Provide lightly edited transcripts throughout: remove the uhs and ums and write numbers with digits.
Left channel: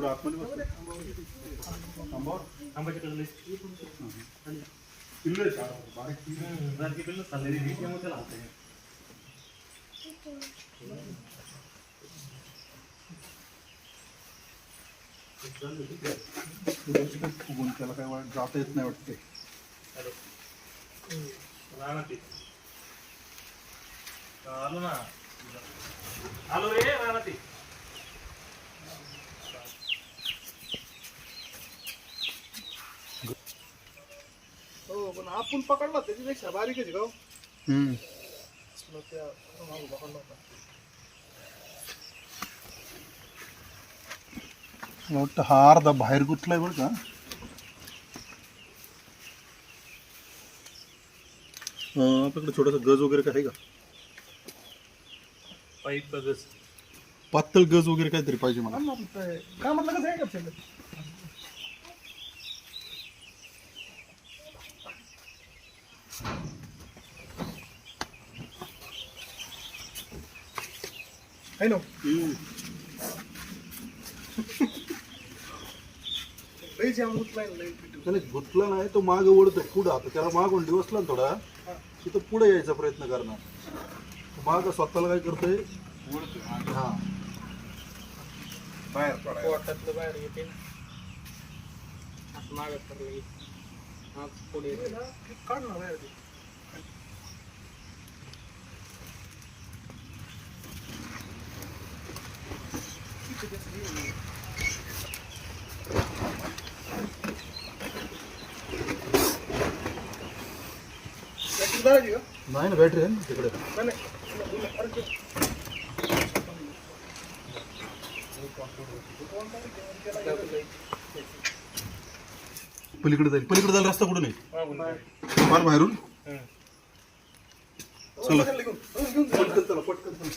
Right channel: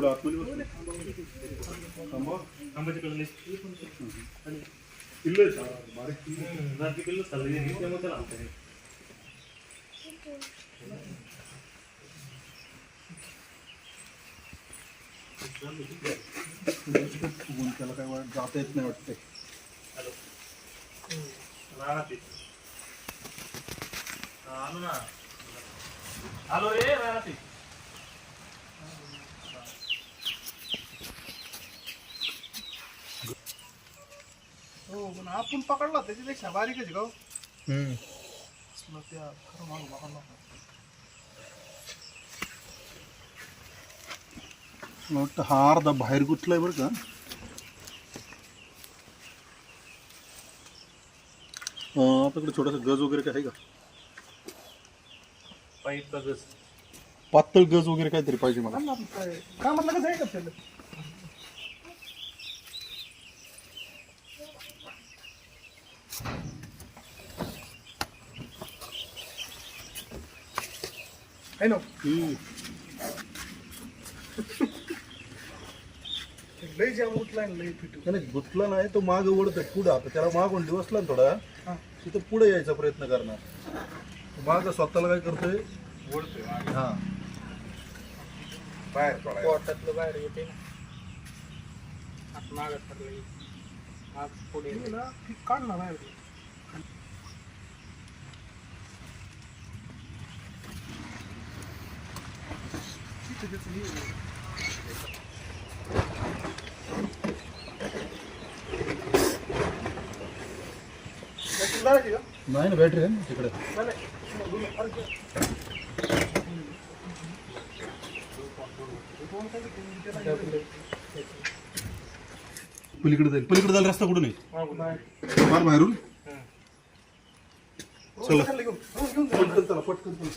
पुढे आतमध्ये बसतो आंब्याच्या कलर पिल्ल आहे बारीक बारकी पिल्ल चाललेली त्यामुळे त्याला आणतो मी. त्याला काय जाता येत नाही वाटते. आलो ना आलो रे राहणार ते हो पण आपण पकडला त्याच्यापेक्षा बारीकच आहे का हो? मग त्या मागं पकडला होता. मला वाटतं हा अर्धा बाहेर गुतलाय बरं का. आपल्याकडे छोटासा गज वगैरे काय आहे का? पाईप गज पातळ गज वगैरे काहीतरी पाहिजे मला. काय म्हटलं कसं आहे का त्याला? आहे ना लई जाम उठलाय लई पिटू. त्याने गुतला नाही तो माग ओढत पुढं. आता त्याला मागून दिवसला ना थोडा तिथं पुढे यायचा प्रयत्न करणार. माग स्वतःला काय करतोय हा बाहेर पोटातलं बाहेर येते मागत पडलं माग पुढे काढ ना बाहेर. नाही ना बॅटरी आहे ना तिकडे. पलीकडे जाईल. पलीकडे जायला रस्ता कुठून आहे फार बाहेरून. चला पटकन चला पटकन चला.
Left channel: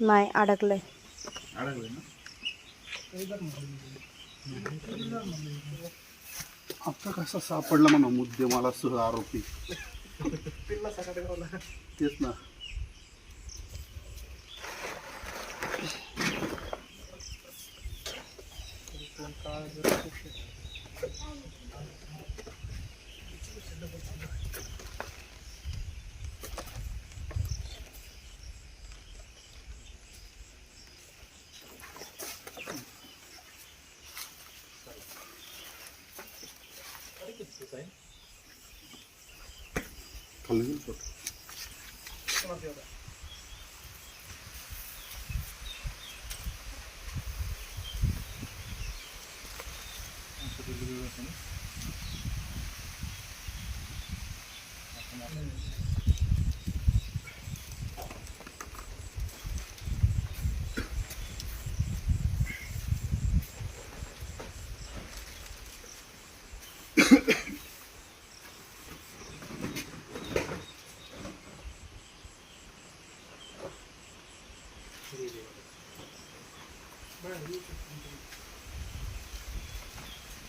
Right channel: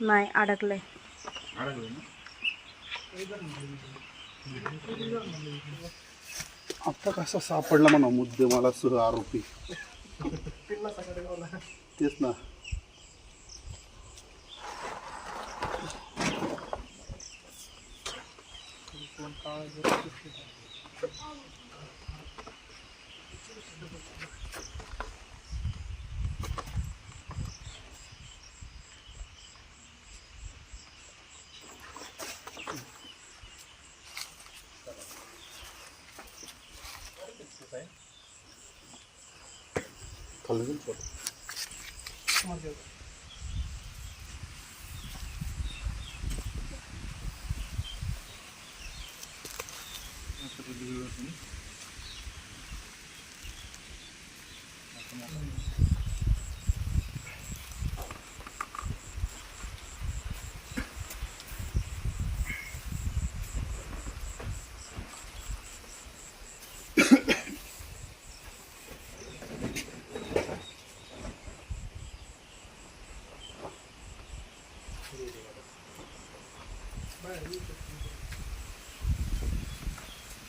नाही अडकलंय. आता कसा सापडला म्हणा मुद्देमाला सह आरोपी. तेच ना. खाली जाईल पोट.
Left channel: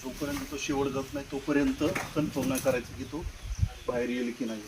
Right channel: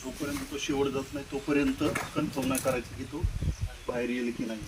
जोपर्यंत तो शेवट जात नाही तोपर्यंत कन्फर्म नाही करायचं की तो बाहेर येईल की नाही.